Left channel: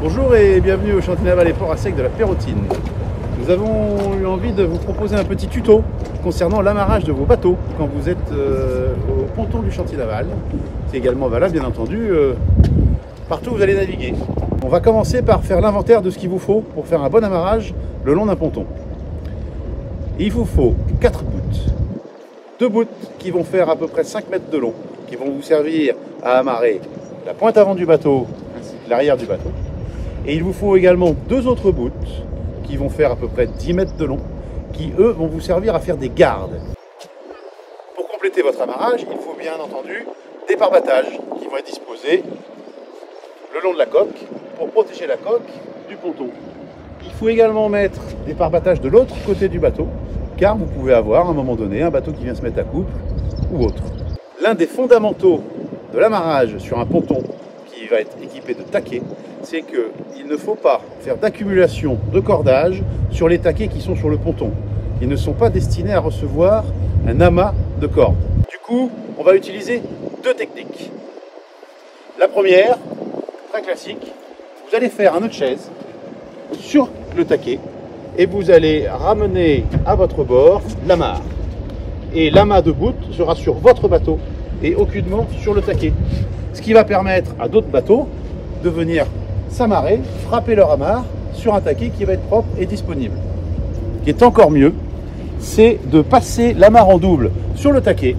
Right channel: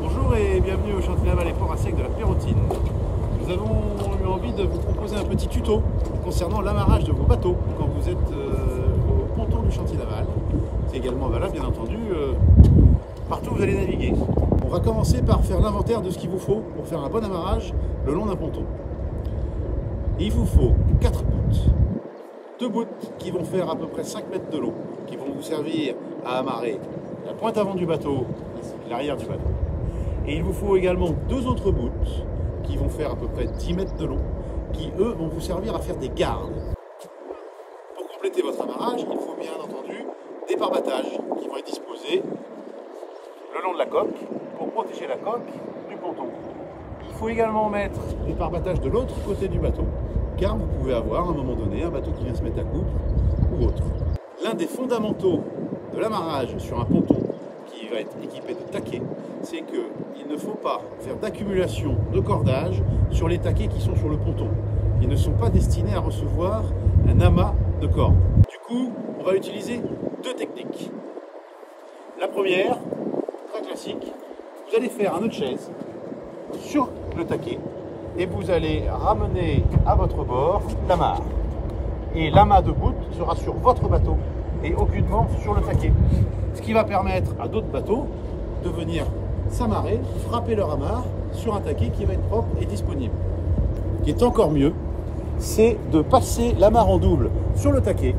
Bonjour et bienvenue au chantier naval et port à sec de la Pérottine. Nous avons eu envie de vous proposer un petit tuto concernant l'amarrage de vos bateaux quand vous êtes au ponton du chantier naval. C'est également valable bien entendu partout où vous allez naviguer. On va commencer par faire l'inventaire de ce qu'il vous faut pour faire un bon amarrage le long d'un ponton. Il vous faut 4 bouts. 2 bouts qui vont faire à peu près 5 mètres de long, qui vont vous servir à amarrer la pointe avant du bateau ainsi que l'arrière du bateau. Et il vous faut également 2 autres bouts qui vont faire à peu près 10 mètres de long, qui eux vont vous servir à faire des gardes. Pour compléter votre amarrage, il faut bien entendu des pare-battages qui vont être disposés le long de la coque pour protéger la coque du ponton. Il faut également mettre des pare-battages de l'autre côté du bateau, car vous pouvez avoir à un moment donné un bateau qui vient se mettre à couple ou autre. L'un des fondamentaux de l'amarrage sur un ponton qui va être équipé de taquets, c'est qu'il ne faut pas faire d'accumulation de cordage sur les taquets qui sont sur le ponton. Ils ne sont pas destinés à recevoir un amas de cordes. Du coup, on va utiliser 2 techniques. La première, très classique, vous allez faire un nœud de chaise sur le taquet et vous allez ramener à votre bord l'amarre. Et l'amas de bout sera sur votre bateau et aucunement sur le taquet. Ce qui va permettre à d'autres bateaux de venir s'amarrer, frapper leur amarre sur un taquet qui va être propre et disponible. Ce qui est encore mieux, c'est de passer l'amarre en double sur le taquet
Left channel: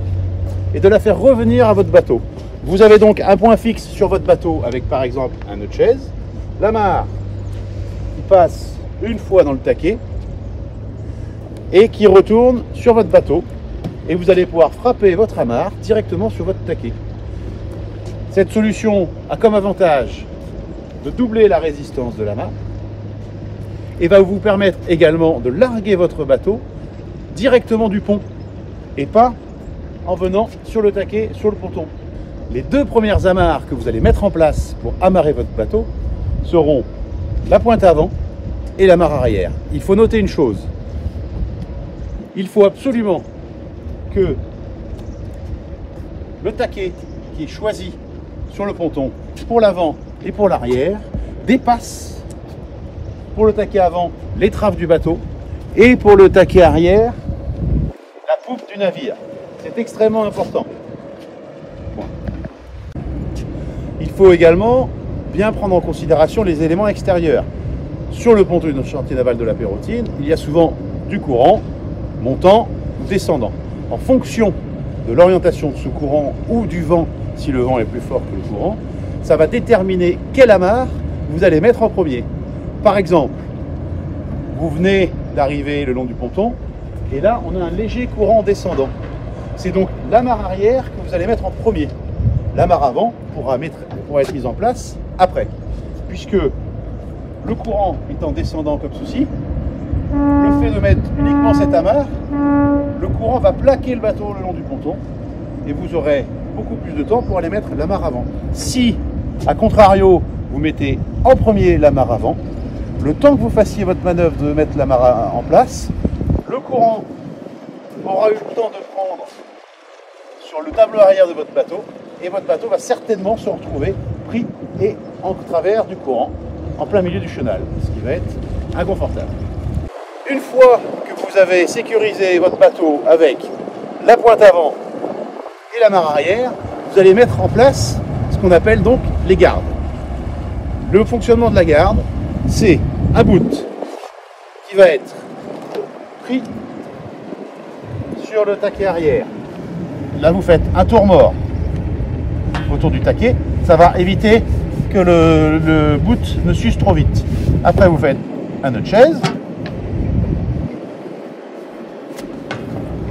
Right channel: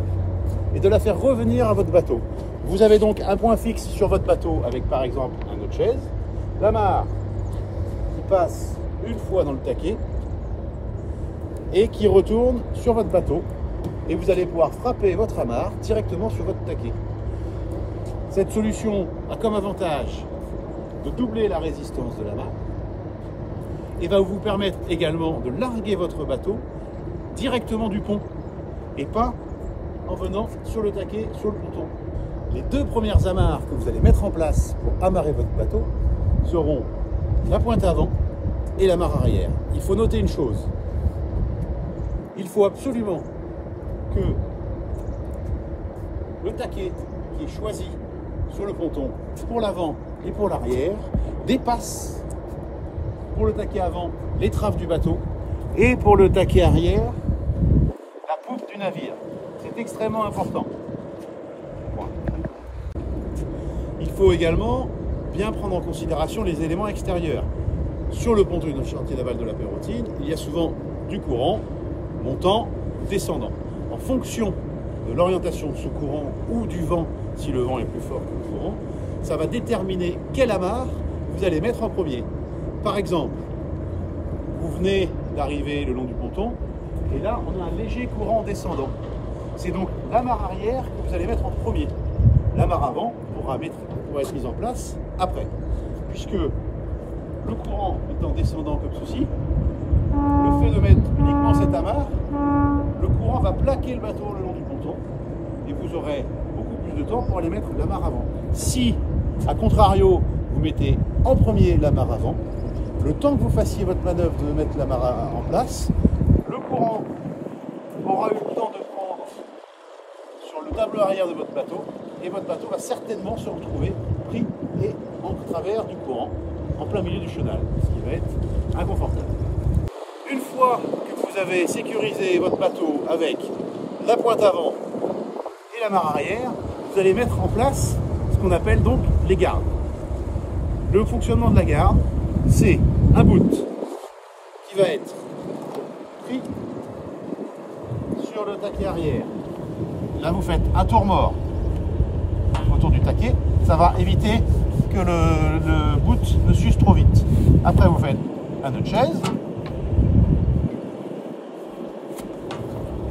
et de la faire revenir à votre bateau. Vous avez donc un point fixe sur votre bateau avec par exemple un nœud de chaise, l'amarre qui passe une fois dans le taquet et qui retourne sur votre bateau et vous allez pouvoir frapper votre amarre directement sur votre taquet. Cette solution a comme avantage de doubler la résistance de l'amarre et va vous permettre également de larguer votre bateau directement du pont et pas en venant sur le taquet, sur le ponton. Les 2 premières amarres que vous allez mettre en place pour amarrer votre bateau seront la pointe avant et l'amarre arrière. Il faut noter une chose, il faut absolument que le taquet qui est choisi sur le ponton pour l'avant et pour l'arrière dépasse pour le taquet avant l'étrave du bateau et pour le taquet arrière la poupe du navire. C'est extrêmement important. Il faut également bien prendre en considération les éléments extérieurs. Sur le ponton du chantier naval de la Pérottine, il y a souvent du courant montant ou descendant. En fonction de l'orientation de ce courant ou du vent, si le vent est plus fort que le courant, ça va déterminer quelle amarre vous allez mettre en premier. Par exemple, vous venez d'arriver le long du ponton et là on a un léger courant descendant. C'est donc l'amarre arrière que vous allez mettre en premier. L'amarre avant pourra être mise en place après, puisque le courant étant descendant comme ceci, le fait de mettre uniquement cette amarre, le courant va plaquer le bateau le long du ponton et vous aurez beaucoup plus de temps pour aller mettre l'amarre avant. Si, à contrario, vous mettez en premier l'amarre avant, le temps que vous fassiez votre manœuvre de mettre l'amarre en place, le courant aura eu le temps de prendre sur le tableau arrière de votre bateau et votre bateau va certainement se retrouver pris et en travers du courant, en plein milieu du chenal, ce qui va être inconfortable. Une fois que vous avez sécurisé votre bateau avec la pointe avant et l'amarre arrière, vous allez mettre en place ce qu'on appelle donc les gardes. Le fonctionnement de la garde, c'est un bout qui va être pris sur le taquet arrière. Là, vous faites un tour mort autour du taquet. Ça va éviter que le bout ne s'use trop vite. Après, vous faites un nœud de chaise.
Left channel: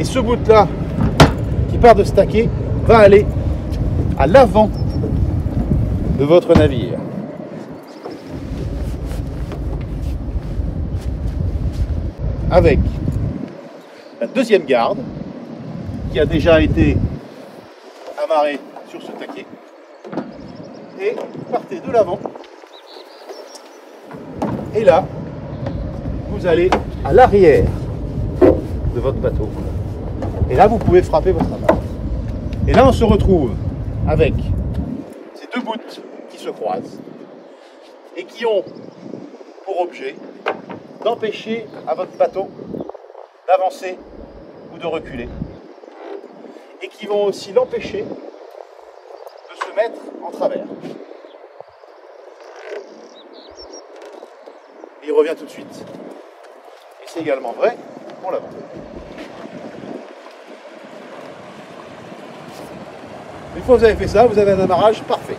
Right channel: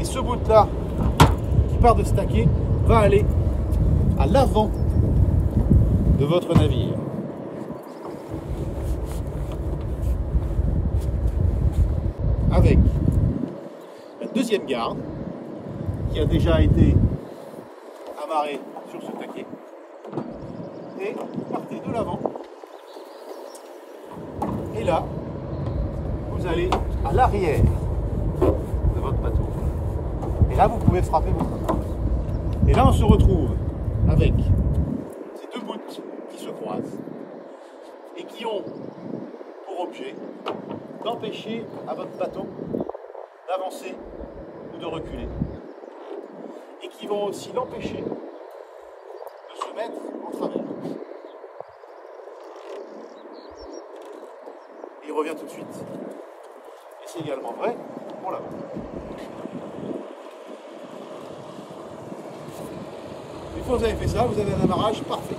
Et ce bout-là, qui part de ce taquet, va aller à l'avant de votre navire. Avec la deuxième garde, qui a déjà été amarrée sur ce taquet. Et vous partez de l'avant. Et là, vous allez à l'arrière de votre bateau. Et là, vous pouvez frapper votre amarre. Et là, on se retrouve avec ces 2 bouts qui se croisent et qui ont pour objet d'empêcher à votre bateau d'avancer ou de reculer, et qui vont aussi l'empêcher de se mettre en travers. Et il revient tout de suite. Et c'est également vrai pour l'avant. Une fois que vous avez fait ça, vous avez un amarrage parfait.